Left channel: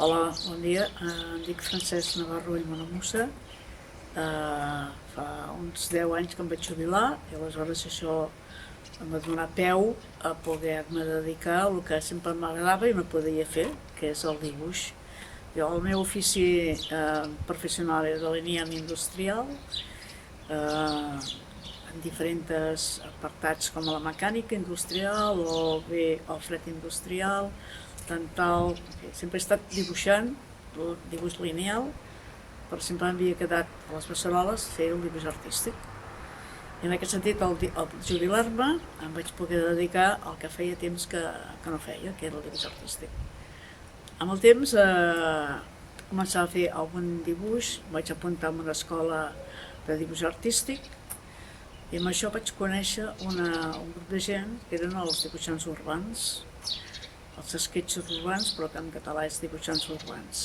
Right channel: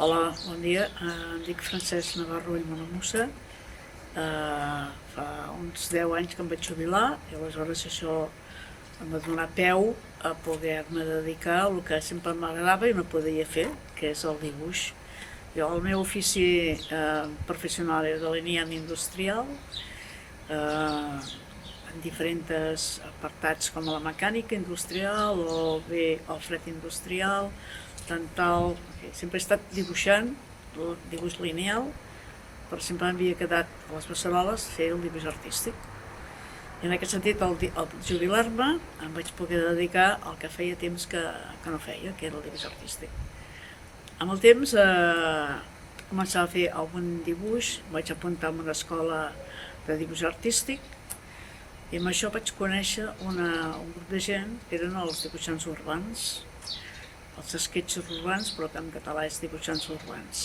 Hola, bon dia. Em dic Francesc Navarro i Monamusa. Fa uns 10 anys que em vaig jubilar i aleshores això em va donar peu a poder-me dedicar al que sempre m'agradava i no podia fer, que és el dibuix. El meu ofici professional és delineant industrial, en diferents apartats com la mecànica industrial o bé el fred industrial, dental. Sempre he estat dibuixant, dibuix lineal, però sempre m'havia quedat a les beceroles fer el dibuix artístic. I en aquest sentit, al jubilar-me, em vaig poder dedicar al que feia temps que no feia, que era el dibuix artístic. Amb el temps començava a fer algun dibuix, vaig apuntar en una escola de dibuix artístic i amb això vaig conèixer un grup de gent que eren els dibuixants urbans, els esquetxos urbans, però que en català és dibuixants urbans.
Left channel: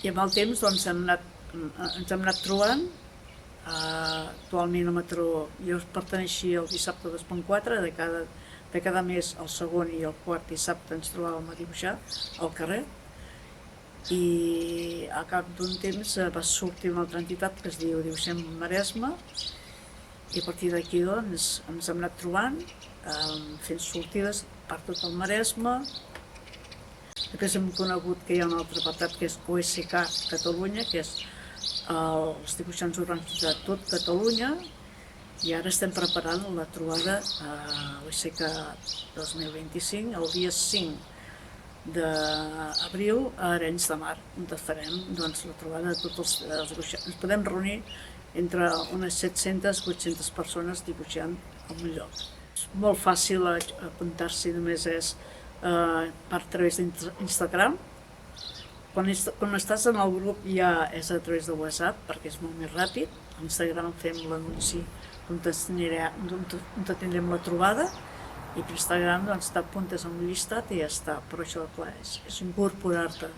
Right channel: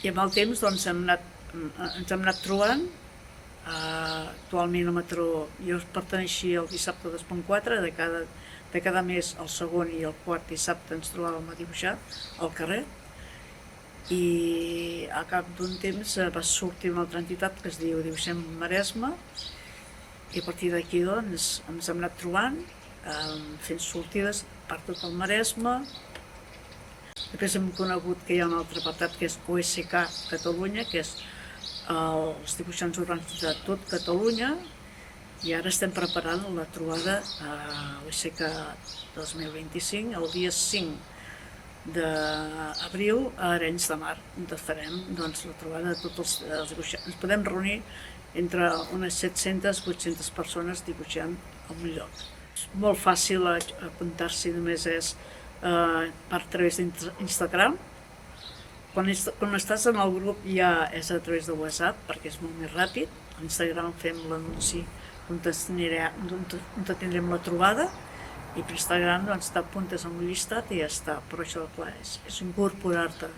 I amb el temps doncs, ens hem anat trobant. Actualment jo perteneixia al Dissabte 2.4, de cada mes el segon i el quart dissabte ens trobàvem a dibuixar al carrer, i a cap d'un temps va sortir una altra entitat que es diu Dibuixem Maresme, i a partir d'aquí doncs, ens hem anat trobant, fent sortides per tot el Maresme. Després hem conegut que hi ha un altre apartat que és OSK Catalunya, que és els dibuixants urbans de tot Catalunya, i ara estem preparant la trobada a l'OSK 2025, el dia 5 d'abril a Arenys de Mar, on farem doncs, la trobada de tots els dibuixants. Ens podem reunir entre unes 700-800 persones dibuixant en un lloc. És molt fàcil apuntar-s'hi, només és per a través d'Instagram. Quan estàs en el grup ja és a través de WhatsApp, perquè és molt més ràpid. A Instagram fem l'anunci on tindrem la trobada, i per Instagram t'apuntes en un llistat i ja està. Però això, clar, és incorporar-te.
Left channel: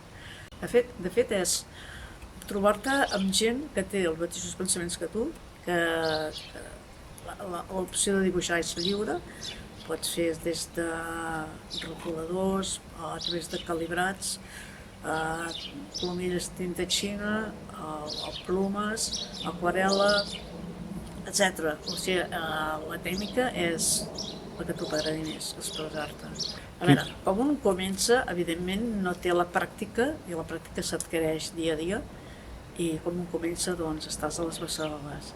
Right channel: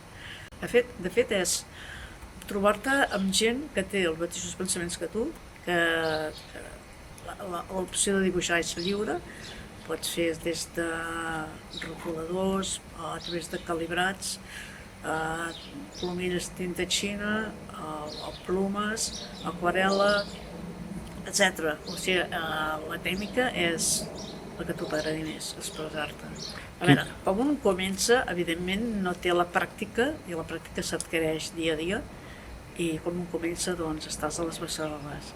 De fet, és trobar-te amb gent que té els mateixos pensaments que tu, que l'opció de dibuixar és lliure. Pots fer des de rotuladors, a través de calibrats, plomilles tinta xina, plomes, aquarel·la, etc. O sigui, la tècnica és la que tu t'agradi més, expressar-te. A veure, com un comença, evidentment no té la pràctica, i la pràctica s'adquireix dia a dia, i com un comença, doncs, estàs a les beceroles.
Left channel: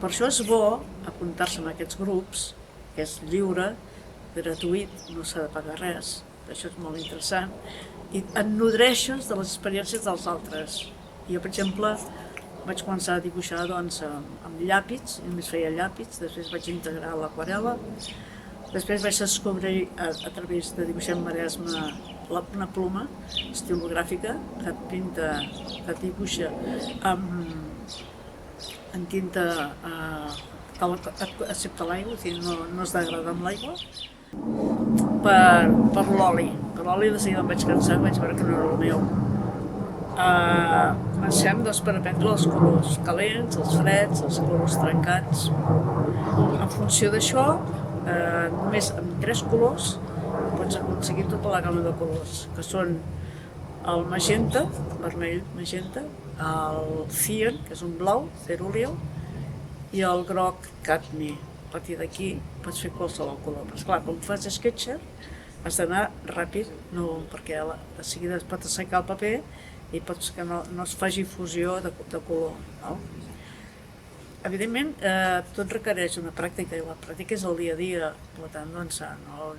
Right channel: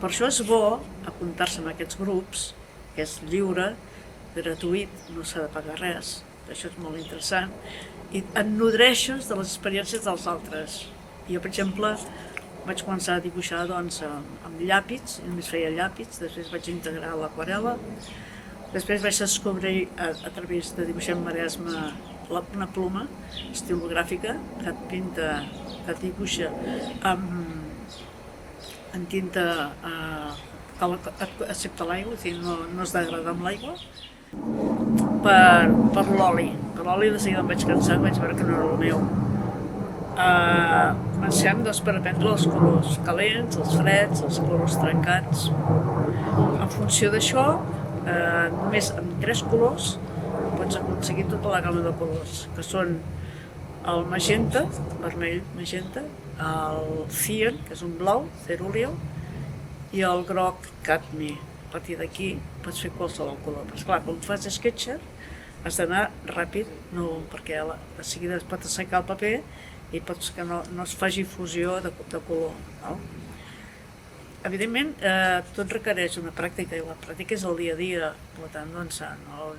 Per això és bo apuntar-se en aquests grups, que és lliure, gratuït, no s'ha de pagar res, això és molt interessant, i et nodreixes de les experiències dels altres. Jo, per exemple, vaig començar a dibuixar amb llàpis, només feia llàpis, després vaig integrar l'aquarel·la, després vaig descobrir a través de Dibuixem Maresme una ploma estilogràfica que et dibuixa en tinta excepte l'aigua, o sigui, no es degrada amb l'aigua, per l'oli. Per l'oli de seguida em vaig cansar, vaig veure que no era el meu. Comencem per aprendre els colors calents, els freds, els colors trencats. En funció d'això, només amb 3 colors pots aconseguir tota la gamma de colors, que són el magenta, vermell magenta, el cyan, que és un blau, cerúleo, i el groc cadmi. A partir d'aquí pots fer qualsevol color. Però esclar, quan fas sketcher has d'anar ràpid, perquè de seguida es pot assecar el paper i pots que no es faci fusió de color. Evidentment, tot requereix una pràctica, i la pràctica és el dia a dia. Per tant, no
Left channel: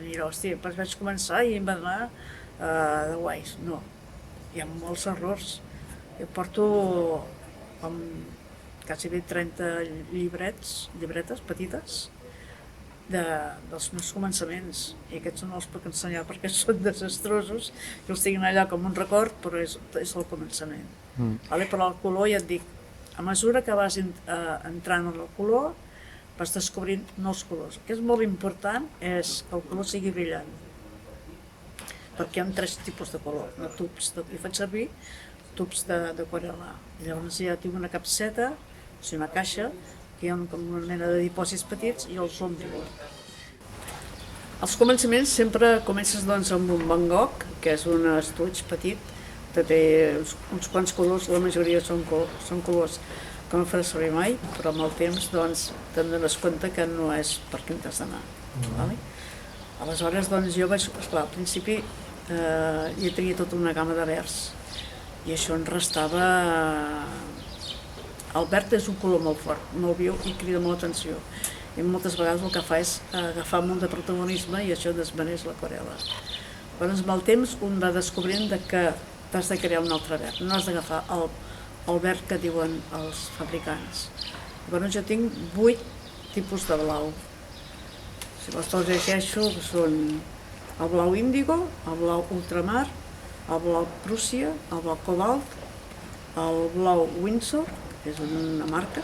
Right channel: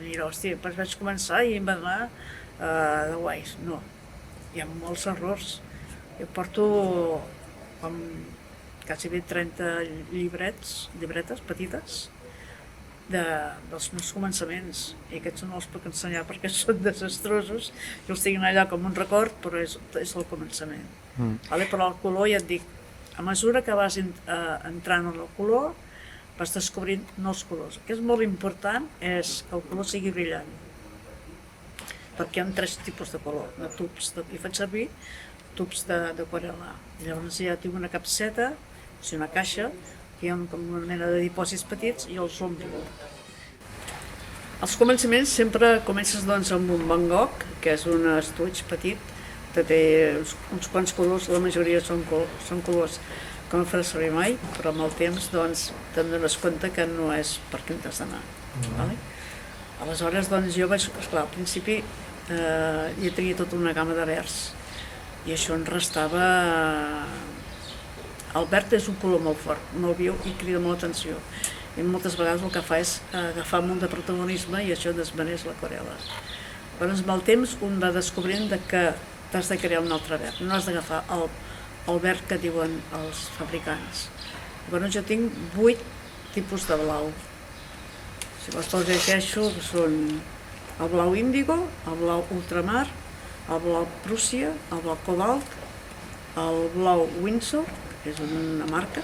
diré, hòstia, vaig començar i em va donar de guais. No, hi ha molts errors. Jo porto com quasi 30 llibretes petites dels meus començaments, i aquests no els puc ensenyar perquè són desastrosos, i els tinc allà com un record, però és el començament. Però el color, ja et dic, a mesura que vas entrant en el color, vas descobrint nous colors. El que és molt important és que el color sigui brillant, perquè hi ha 3 tipus de color, de tubs, i faig servir tubs d'aquarel·la. Llavors ja tinc una capseta, o sigui una caixa, que hi ha com una mena de dipòsits petits, i els omplo. Als començaments sempre comences amb un Van Gogh, que és un estuig petit, té uns quants colors, la majoria són colors que no faràs servir mai, però amb el temps doncs te'n dones compte que no és per què t'has d'anar. Vale? Aleshores doncs jo vaig, esclar, al principi ja tenia tota una gamma de verds i això em restava... El verd és un color molt fort, molt viu i crida molt l'atenció. I moltes vegades el que fa és agafar molt de protagonisme i això desvaneix l'aquarel·la. Llavors, amb el temps, un va descobrint que t'has de crear un altre verd, no has d'agafar el verd que diuen els fabricants. Llavors, jo tinc 8 tipus de blau. Si vols te'ls llegeixo, són el blau índigo, el blau ultramar, el blau Prússia, el blau cobalt, el blau Windsor, que és una marca,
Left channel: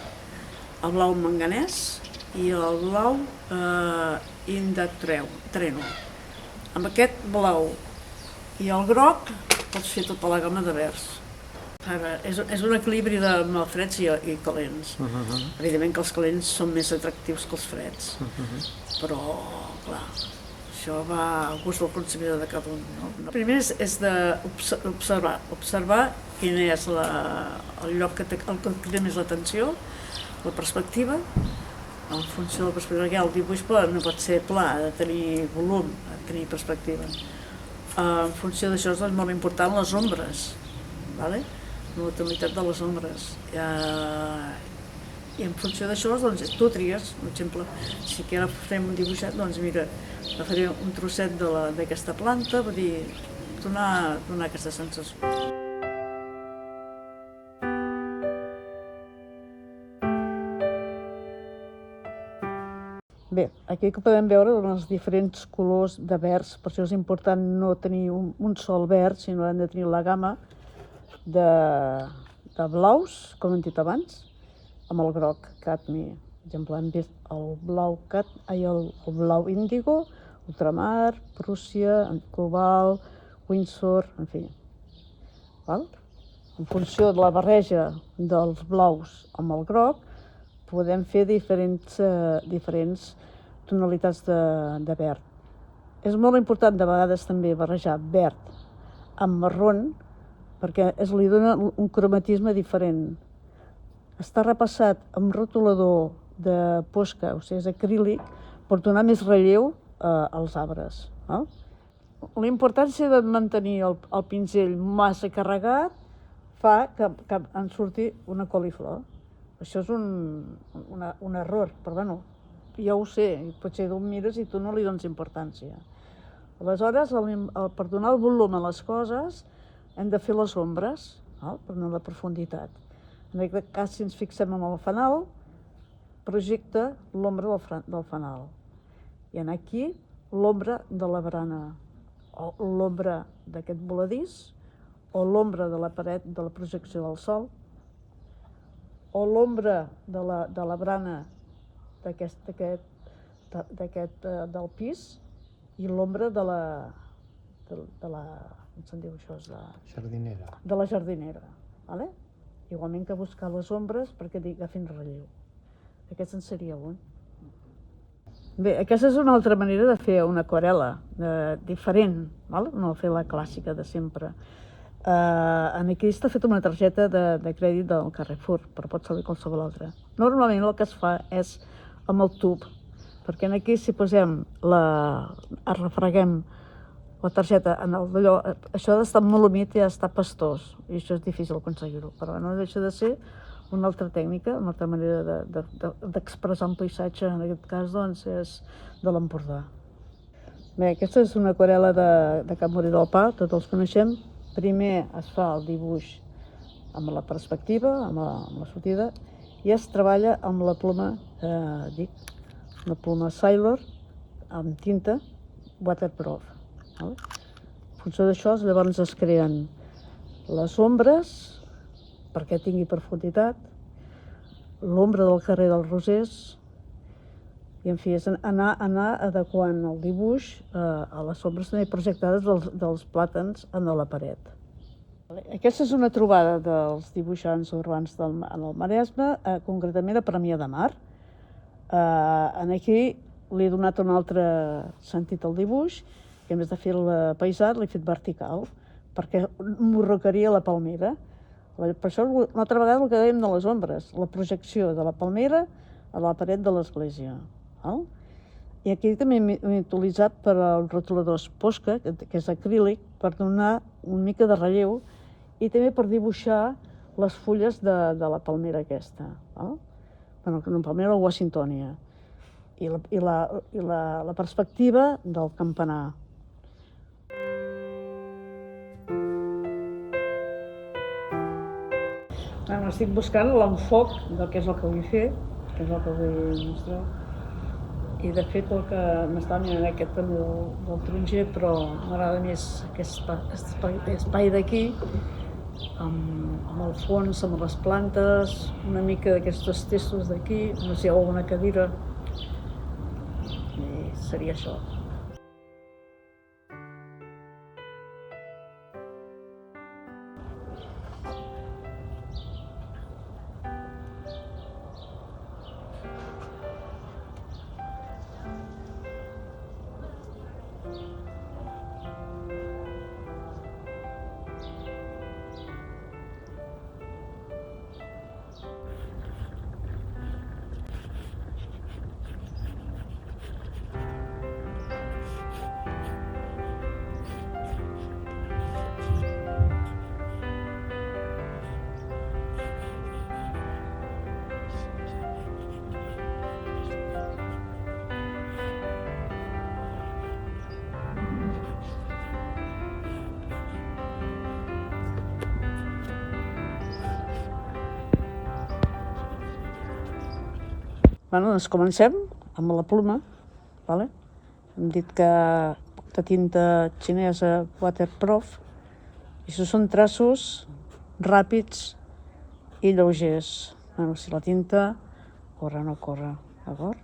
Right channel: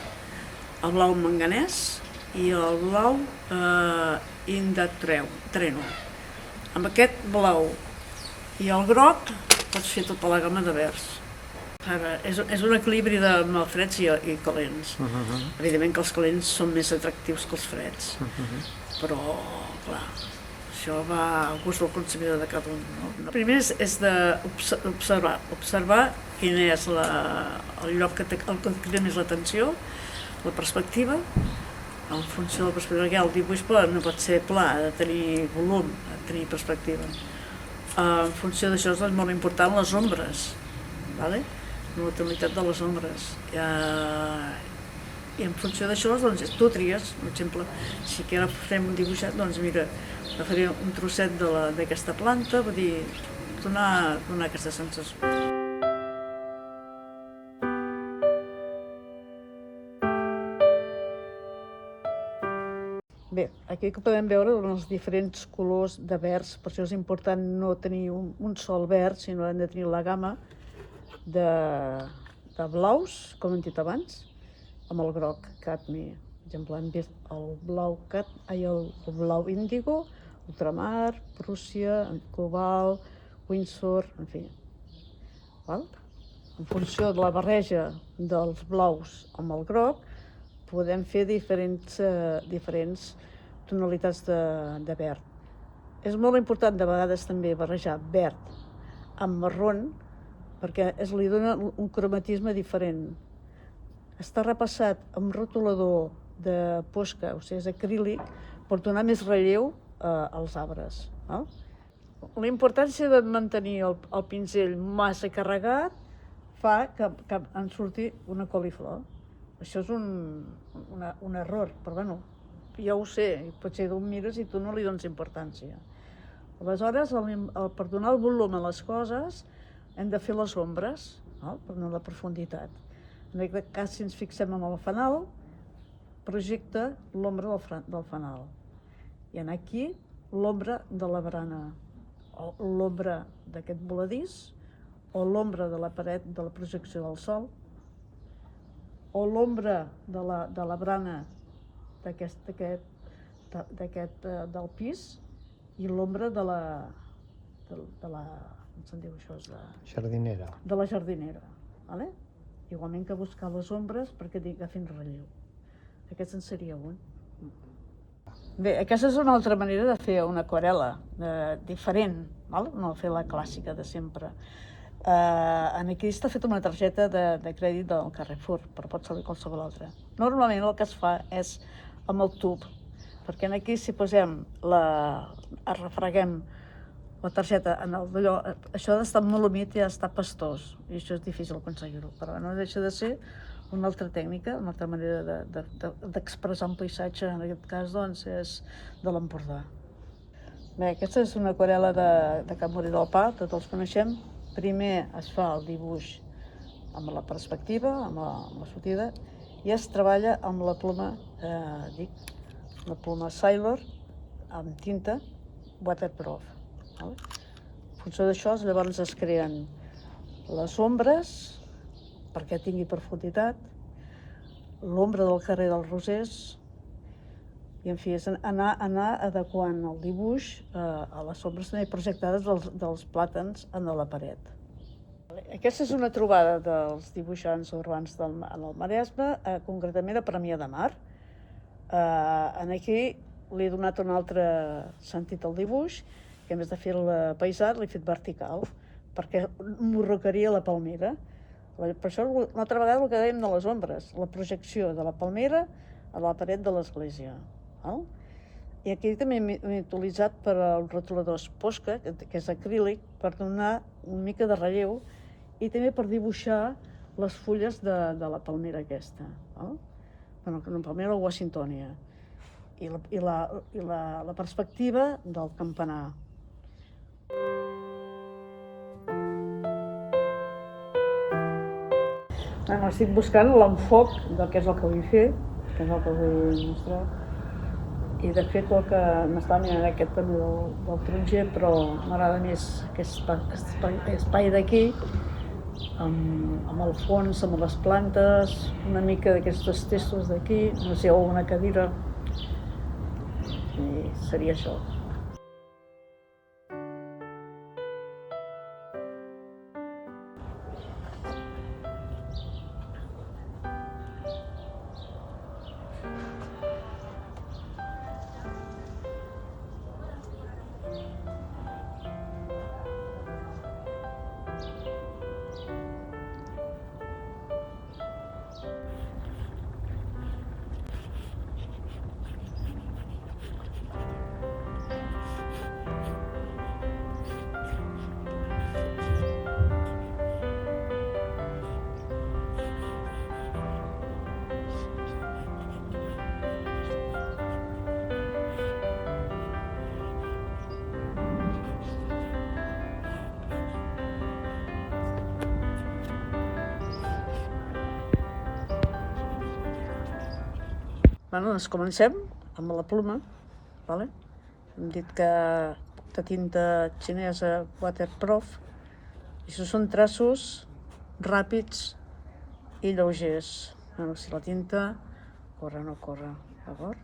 el blau manganès i el blau Indatreno. Amb aquest blau i el groc pots fer tota la gamma de verds. Ara, és un equilibri de freds i calents. Evidentment que els calents són més atractius que els freds, però, clar, això va al gust del consumidor de cada un. El primer és d'observar quin és el lloc que crida més l'atenció, la perspectiva. En funció de la perspectiva, el dibuix no pot ser pla, ha de tenir volum, ha de tenir perspectiva. En funció d'això és molt important les ombres, la tonalitat de les ombres. I en funció d'això tu tries, per exemple, si ara farem un dibuixat, doncs mira, agafaré un trosset d'aquesta planta, vull dir, donar aquesta sensació. Bé, aquí podem veure els diferents colors de verds, per això és important no tenir un sol verd, sinó hem de tenir la gamma de blaus, com hem dit abans, amb el groc, cadmi. Per exemple, hem vist el blau índigo, ultramar, Prússia, cobalt, Windsor, en fi. En funció de la barreja dels blaus amb el groc, podem fer diferents tonalitats de verd. És molt important de vegades també barrejar verd amb marron perquè li dona un cromatisme diferent. Està repassat amb rotulador de posca, o sigui, és acrílic, per donar més relleu als arbres. La importància de mantenir el pinzell massa carregat fa que en surti una coliflor. Això és un error, però bueno, ja ho sé, potser tu mires i tu no li dones importància. Aleshores, per donar el volum a les coses, hem de fer les ombres, per donar la profunditat. En aquest cas, si ens fixem en el fanal, projecta l'ombra del fanal. I aquí l'ombra de la barana, o l'ombra d'aquest voladís, o l'ombra de la paret de la projecció del sol, o l'ombra de la barana del pis i l'ombra de la com se'n diu això? Jardinera. De la jardinera. Igualment que buscar les ombres perquè agafin relleu. Aquest en seria un. Bé, aquesta és una altra manera de fer una aquarel·la diferent, no fer la clàssica de sempre. Aquí està feta una targeta de crèdit del Carrefour, però pot servir qualsevol altra. Normalment el que es fa és amb el tub, perquè aquí si posem refreguem la targeta en el d'allò, això ha d'estar molt humit i ha d'estar pastós, i això és difícil aconseguir-ho, però no deixa de ser una altra tècnica, una altra manera d'expressar un paisatge, en aquest cas doncs és de l'Empordà. Bé, aquesta és una aquarel·la de Can Morí del Pa, tots els coneixem. Primer es fa el dibuix amb la perspectiva, amb la sortida, i es treballa amb la ploma, la ploma Sailor, amb tinta waterproof. En funció d'això, llavors es creen les ombres, perquè tingui profunditat, l'ombra del carrer dels Rosers, i en fi, és anar adequant el dibuix a les ombres també projectades dels plàtans en la paret. Aquesta és una trobada dels dibuixants urbans del Maresme, concretament a Premià de Mar. Aquí li he donat un altre sentit al dibuix, que a més de fer-lo paisat l'he fet vertical, perquè morrocaria la palmera. Per això, una altra vegada, el que dèiem de les ombres, la projecció de la palmera a la paret de l'església. I aquí també m'he utilitzat per als rotuladors Posca, que és acrílic, per donar una mica de relleu i també per dibuixar les fulles de la palmera aquesta. Bueno, una palmera o Washingtonia. I la perspectiva del campanar. Bueno, estic buscant l'enfoc del que és el que vull fer, que és el que vull mostrar. I de fet el que m'estava mirant aquest també del taronger, però m'agrada més aquest espai d'aquí, amb el fons, amb les plantes, una mica d'aquestos testos d'aquí, no sé, o una cadira, i seria això. Bueno, doncs comencem amb la pluma. Hem dit que de tinta xinesa waterproof, i això són traços ràpids i lleugers. Bueno, si la tinta corre o no corre, d'acord?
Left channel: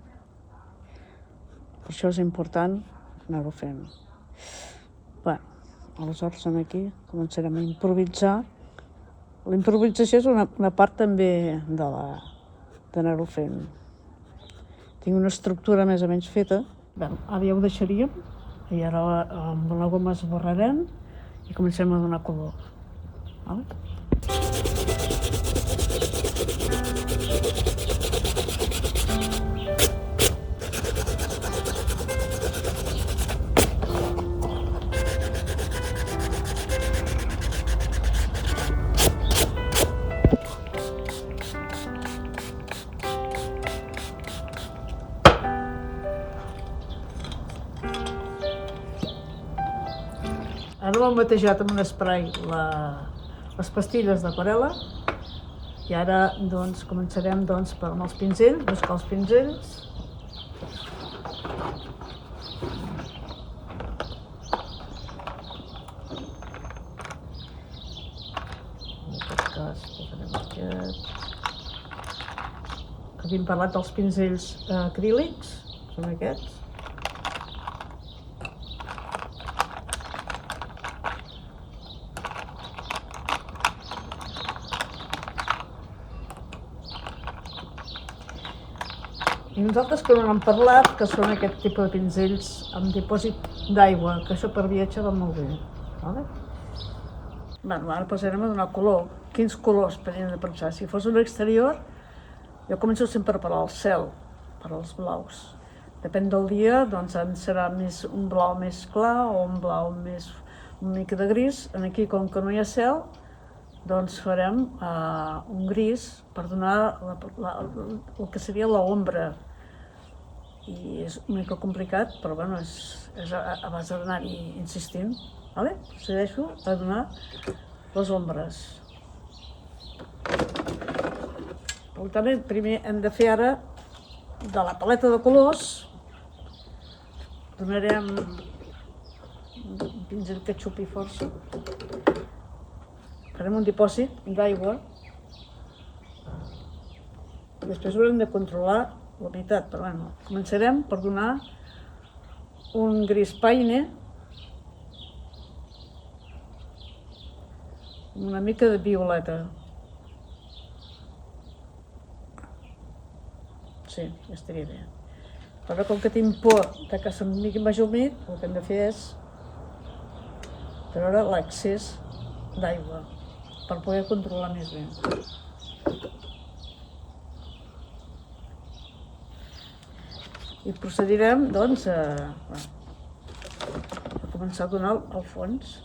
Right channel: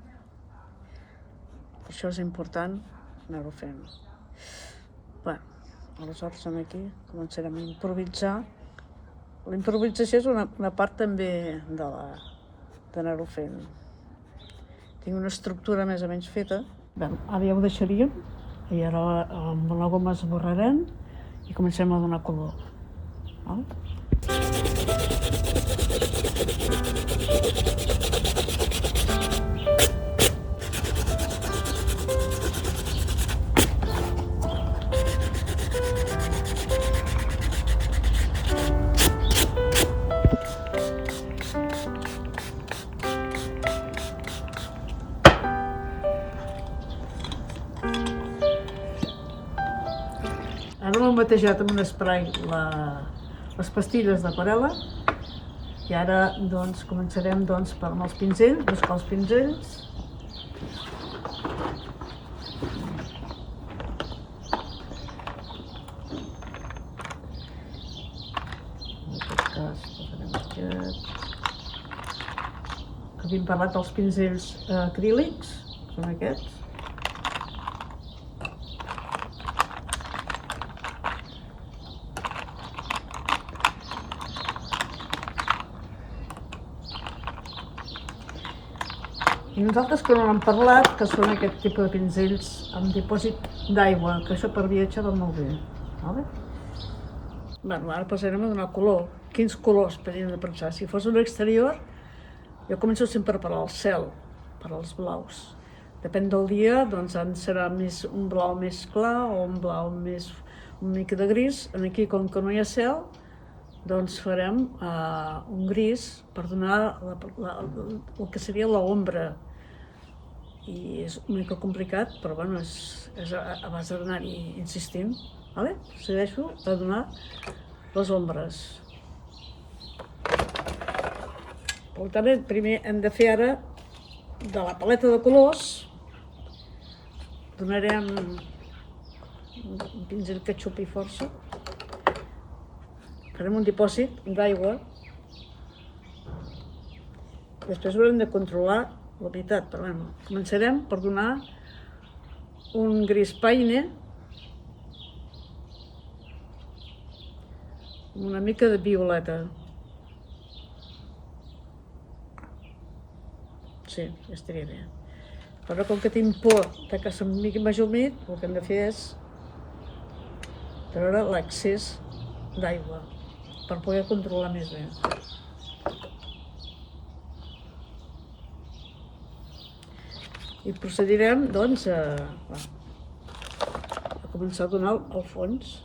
Per això és important anar-ho fent. Bé, aleshores aquí començarem a improvisar. La improvisació és una part també d'anar-ho fent. Tinc una estructura més o menys feta. Bé, ara ja ho deixaríem, i ara amb la goma esborrarem i comencem a donar color. Ara m'he batejat amb un spray les pastilles d'aquarel·la, i ara doncs començarem amb els pinzells, buscar els pinzells. En aquest cas posarem aquest. Havíem parlat dels pinzells acrílics, són aquests. I nosaltres que no n'hem parlat, que són aquest tipus de pinzells amb dipòsit d'aigua, que això per viatge va molt bé. Bueno, ara passarem a donar color. Quins colors podríem de pensar? Si fos un exterior, jo començo sempre per al cel, per als blaus. Depèn del dia, doncs serà un blau més clar o un blau més una mica de gris. Aquí, com que no hi ha cel, doncs farem un gris per donar el que seria l'ombra. I és una mica complicat, però bueno, és a base d'anar-hi insistint. Procedeixo a donar les ombres. Per tant, primer hem de fer ara de la paleta de colors, donarem un pinzell que xupi força, farem un dipòsit d'aigua, després haurem de controlar la humitat, però bueno, començarem per donar un gris paine, una mica de violeta. Sí, ja estaria bé. Però com que tinc por que se'm miqui més humit, el que hem de fer és treure l'excés d'aigua per poder controlar més bé. I procedirem, doncs, a començar a donar el fons.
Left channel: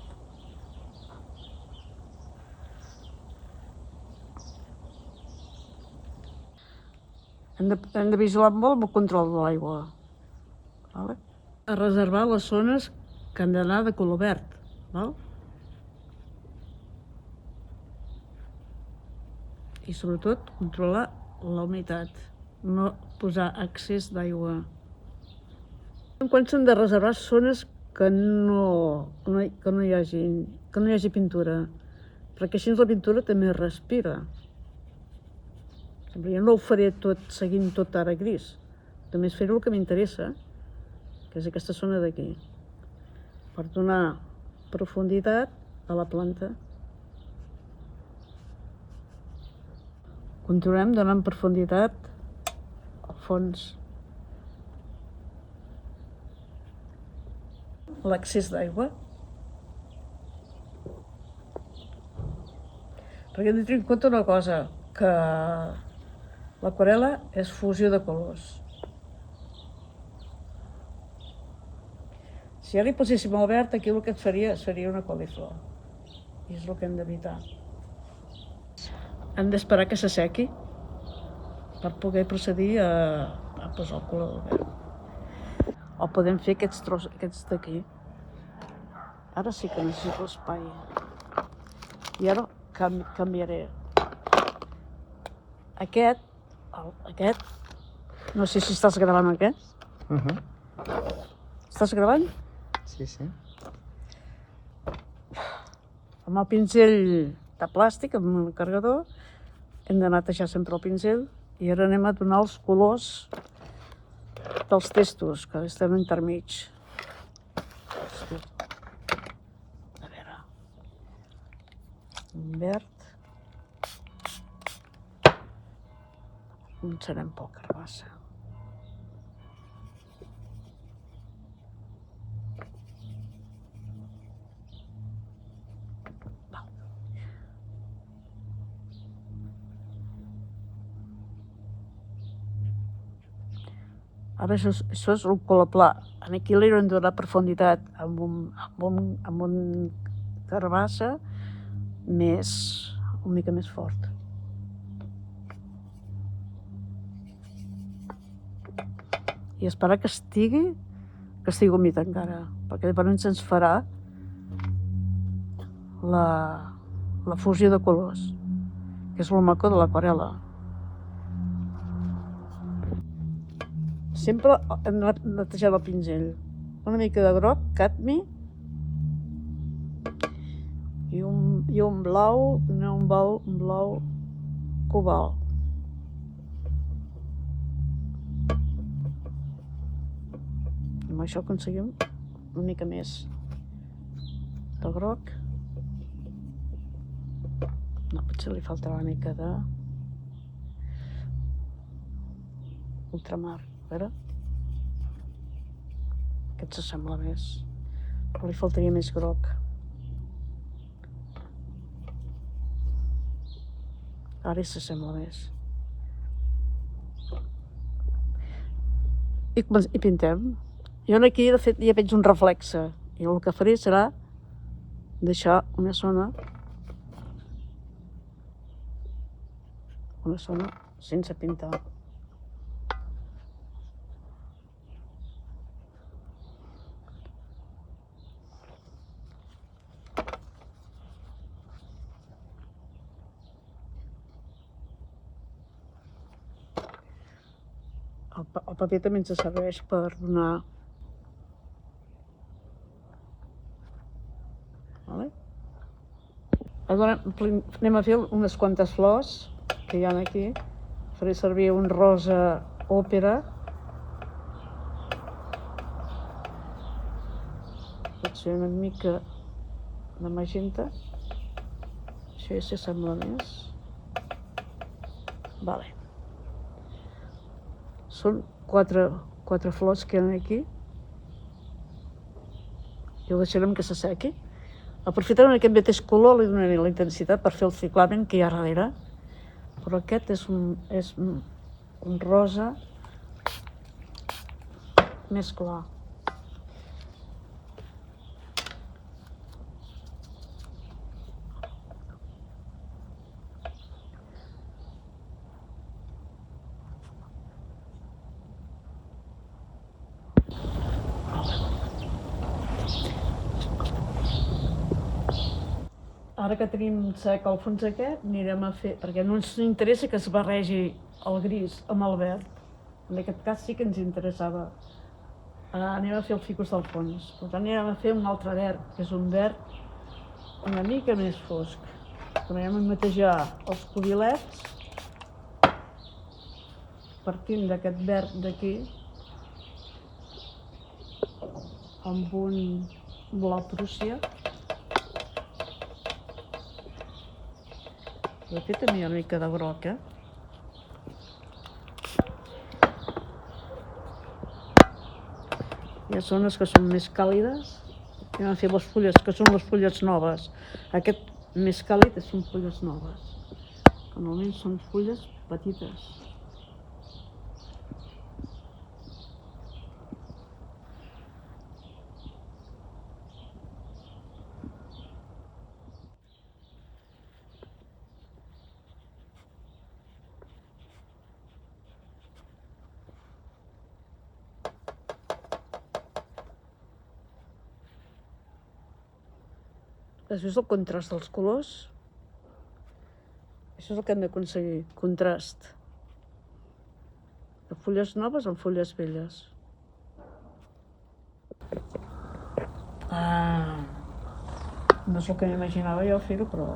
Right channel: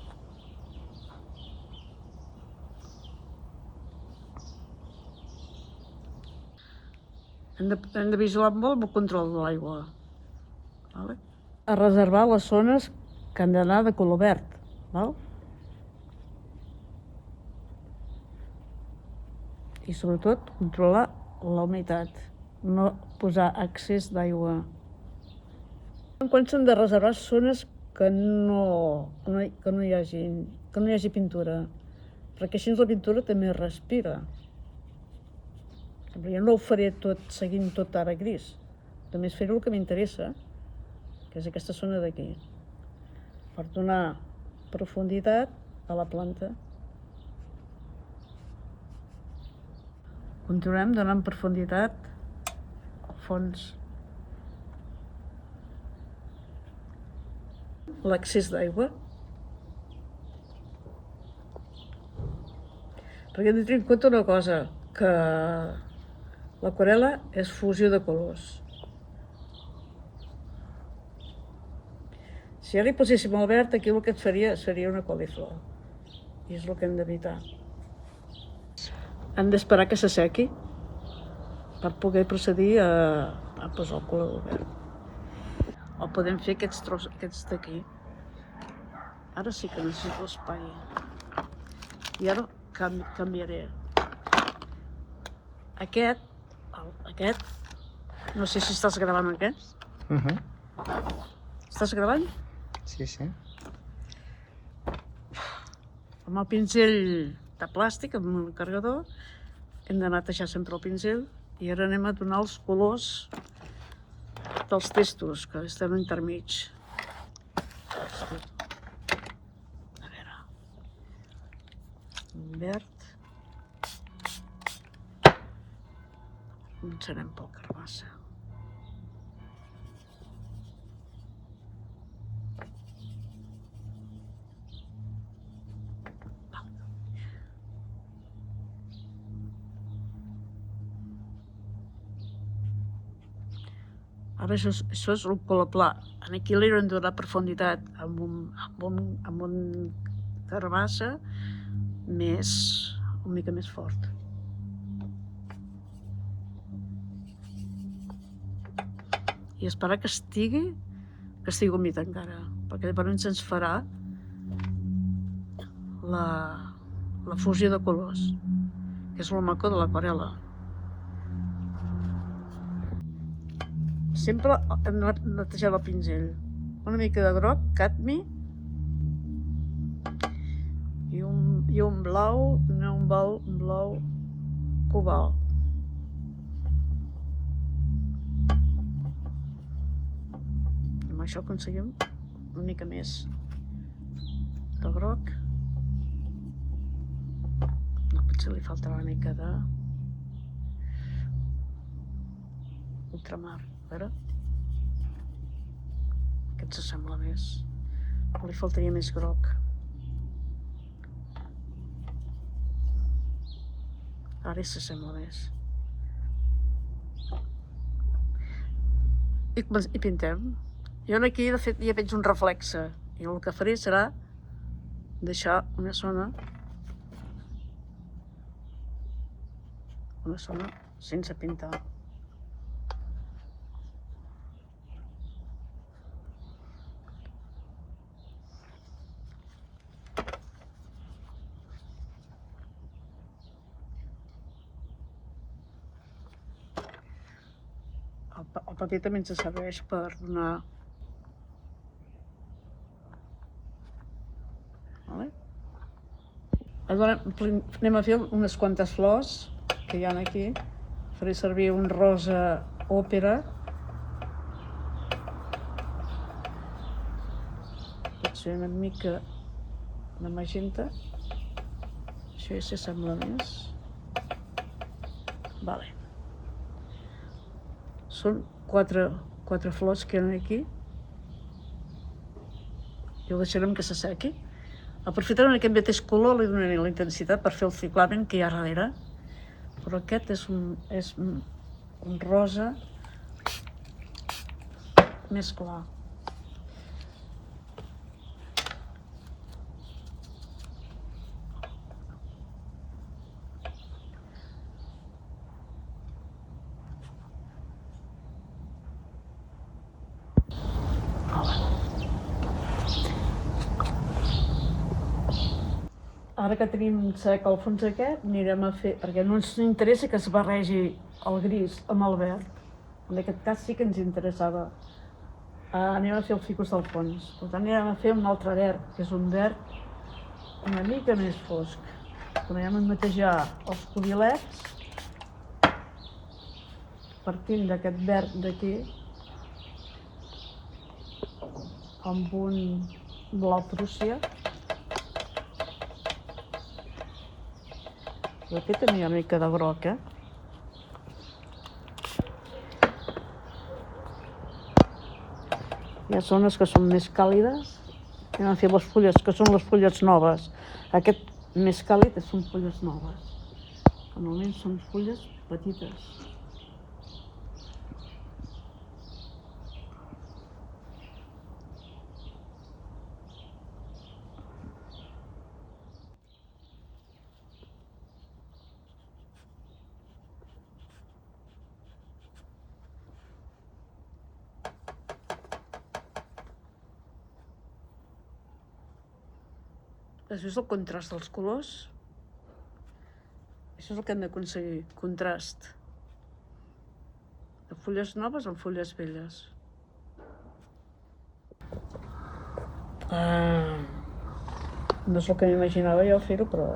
Hem de vigilar molt el control de l'aigua. Vale? A reservar les zones que han d'anar de color verd. Val? I sobretot controlar la humitat, no posar excés d'aigua. Quan s'han de reservar zones que no hi hagi pintura, perquè així la pintura també respira. Jo no ho faré tot seguint tot ara gris, només fer-ho el que m'interessa, que és aquesta zona d'aquí, per donar profunditat a la planta. Continuem donant profunditat al fons. L'excés d'aigua. Perquè hem de tenir en compte una cosa, que l'aquarel·la és fusió de colors. Si ara hi poséssim el verd, aquí el que et faria seria una coliflor. I és el que hem d'evitar. Hem d'esperar que s'assequi per poder procedir a posar el color verd. O podem fer aquests d'aquí. Ara sí que necessito espai. I ara canviaré. Aquest, no sé si estàs gravant aquest. Estàs gravant? Sí, sí. Amb el pinzell de plàstic, amb el carregador, hem de netejar sempre el pinzell i ara anem a donar els colors dels textos, que estem intermig. A veure, un verd. Començarem pel carbassa. Ara això és un color pla. Aquí li hem de donar profunditat amb un carbassa una mica més fort. I esperar que estigui humit encara, perquè llavors ens farà la fusió de colors, que és el maco de l'aquarel·la. Sempre hem netejat el pinzell. Una mica de groc, cadmi, i un blau, un blau cobalt. I amb això aconseguim una mica més de groc. No, potser li faltarà una mica de ultramar. A veure, aquest s'assembla més, li faltaria més groc. Ara s'assembla més. I pintem. Jo aquí, de fet, ja veig un reflexe i el que faré serà deixar una zona sense pintar. El paper també ens serveix per donar... Anem a fer unes quantes flors que hi ha aquí. Faré servir un rosa òpera. Potser una mica de magenta. Això ja s'assembla més. Vale. Són quatre flors que hi ha aquí. I ho deixarem que s'assequi. Aprofitant un aquest mateix color li donaré la intensitat per fer el ciclament que hi ha darrere, però aquest és un rosa més clar. Ara que tenim sec el fons aquest, anirem a fer, perquè no ens interessa que es barregi el gris amb el verd. En aquest cas sí que ens interessava. Anem a fer el ficus del fons. Per tant, anirem a fer un altre verd, que és un verd una mica més fosc. Tornarem a netejar els cubilets, partint d'aquest verd d'aquí, amb un blau prússia. I aquí també hi ha una mica de groc, Hi ha zones que són més càlides. Anem a fer les fulles, que són les fulles noves. Aquest més càlid són fulles noves. Normalment són fulles petites. Has vist el contrast dels colors? Això és el que hem d'aconseguir, contrast. De fulles noves amb fulles velles. No és el que m'imaginava jo fer-ho, però...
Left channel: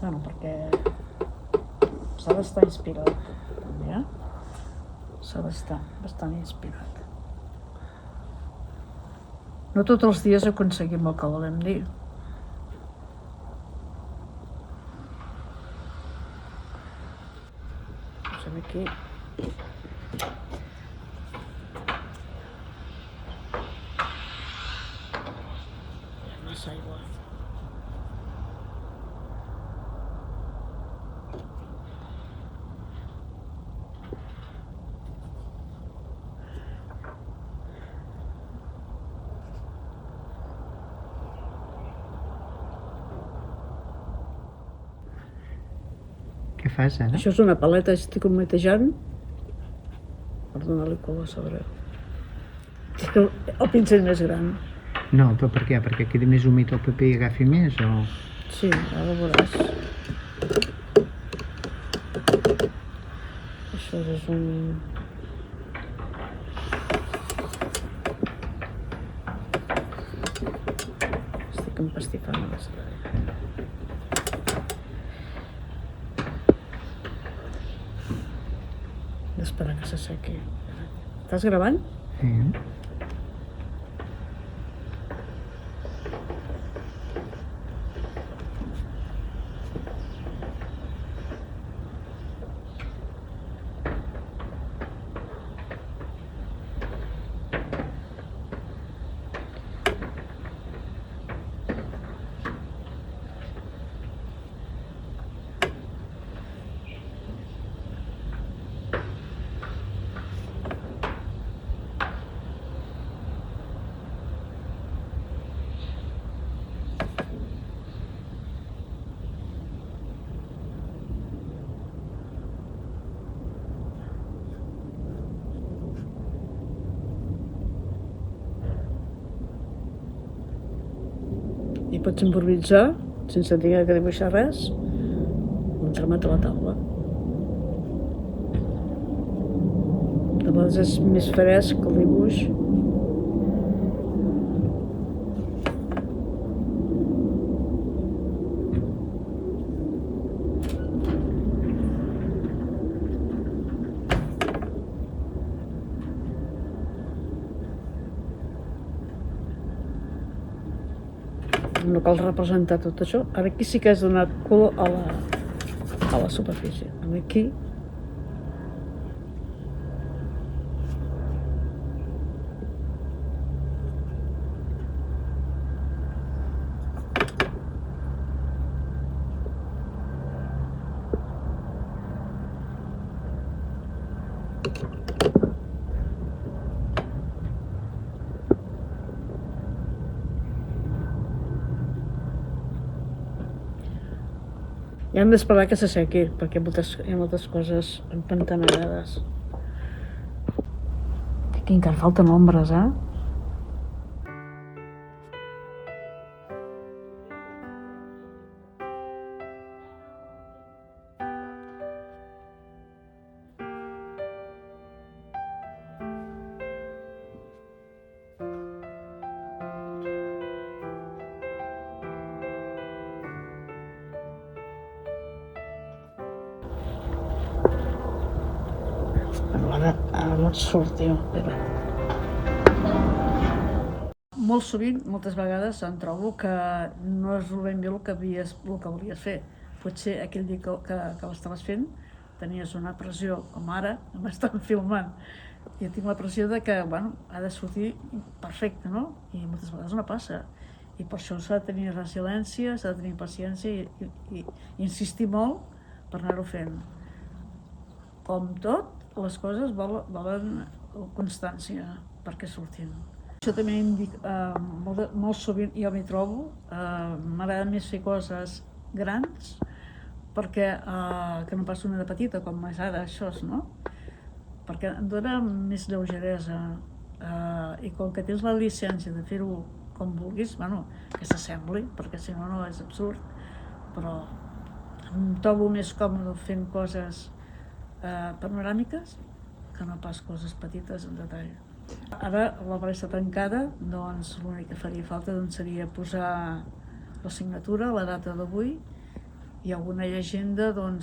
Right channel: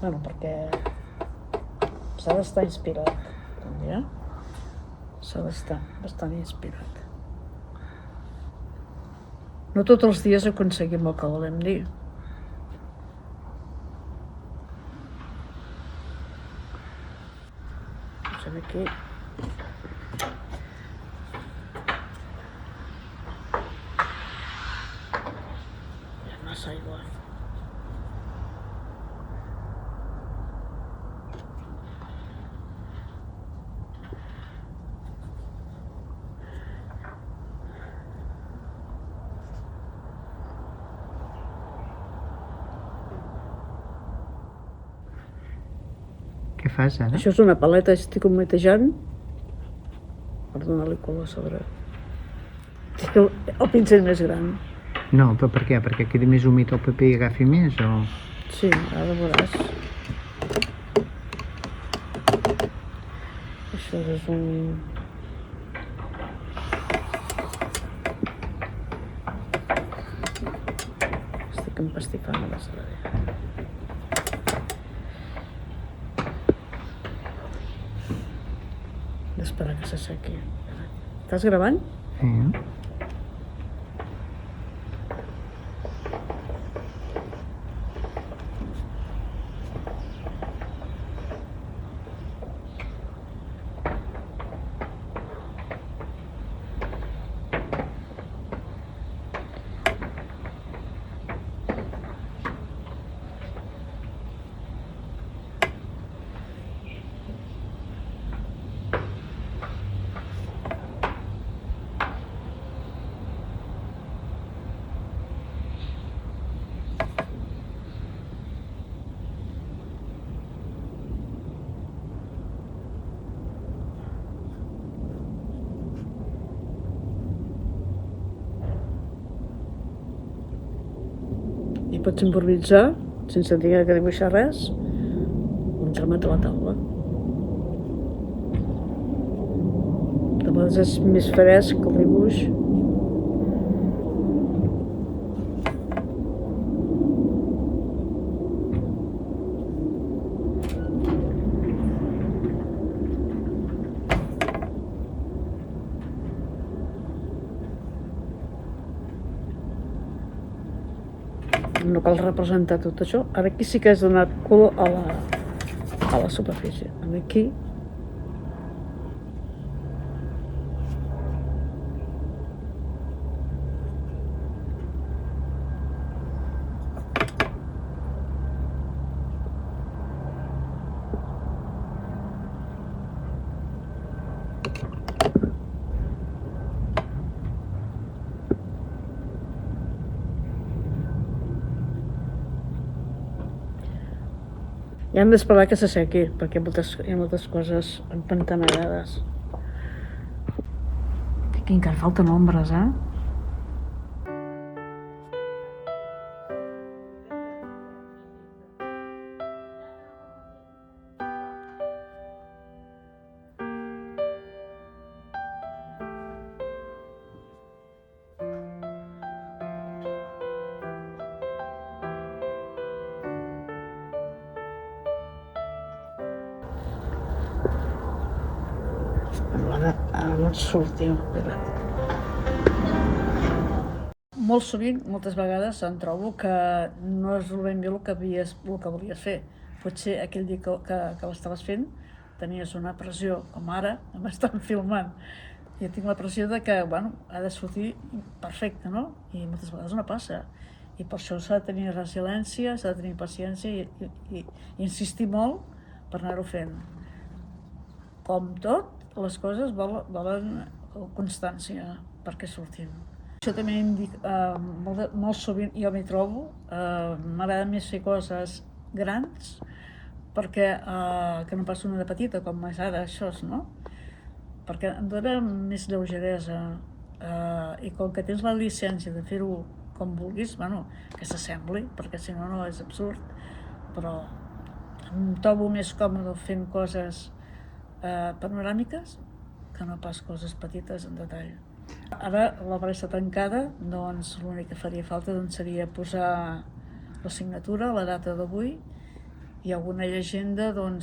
Bueno, perquè s'ha d'estar inspirat, també, S'ha d'estar bastant inspirat. No tots els dies aconseguim el que volem dir. Posem aquí. Hi ha massa aigua. Què fas ara? Això és una paleta, estic humetejant per donar-li color a sobre. És que el pincell més gran. No, però per què? Perquè quedi més humit el paper i agafi més, o...? Sí, ara veuràs. Això és un... Estic empastifant a la saladera. D'esperar que s'assequi. Estàs gravant? Sí. I pots improvisar, sense tenir que dibuixar res, un tramat a la taula. De vegades és més fresc el dibuix. No cal representar tot això. Ara aquí sí que has donat color a la superfície. Aquí I hem d'esperar que s'assequi, perquè hi ha moltes coses empantanegades. Aquí encara falten ombres, eh? Ara no et sortiu. Molt sovint, moltes vegades, em trobo que no és ben bé el que volies fer. Potser aquell dia que l'estaves fent tenies una pressió, com ara, m'estan filmant. I tinc la pressió de que, bueno, ha de sortir perfecte, no? I moltes vegades no passa. I per això s'ha de tenir resiliència, s'ha de tenir paciència i insistir molt per anar-ho fent. Com tot, les coses volen constància perquè surtin. Això també molt sovint jo m'hi trobo, m'agrada més fer coses grans perquè que no pas una de petita, com és ara això, no? Perquè em dona més lleugeresa i com que tens la llicència de fer-ho com vulguis, bueno, que s'assembli, perquè si no, no és absurd, però em trobo més còmode fent coses panoràmiques que no pas coses petites en detall. Ara l'obra està tancada, doncs l'únic que faria falta seria posar la signatura, la data d'avui i alguna llegenda del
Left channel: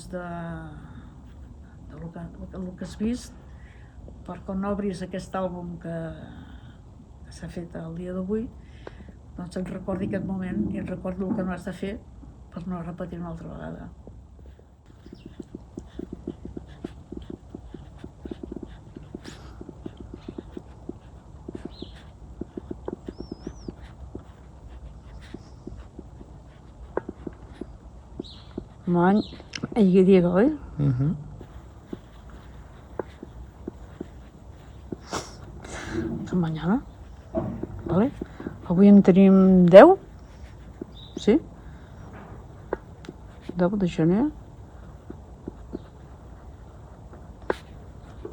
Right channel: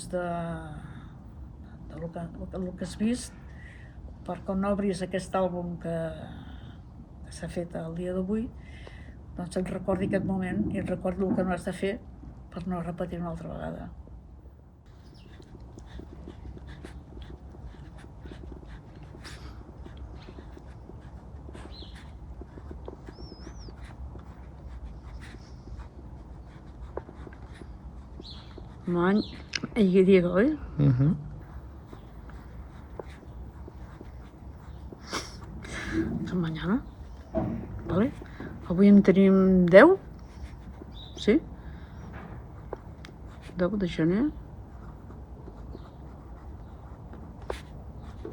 que has vist, per quan obris aquest àlbum que s'ha fet el dia d'avui, doncs et recordi aquest moment i et recordi el que no has de fer per no repetir una altra vegada. Moin, ahí Diego, ¿eh? Mañana, vale? Avui en tenim 10, sí? 10 de gener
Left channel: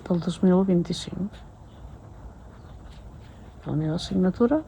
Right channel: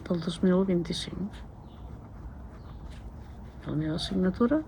del 2025. La meva signatura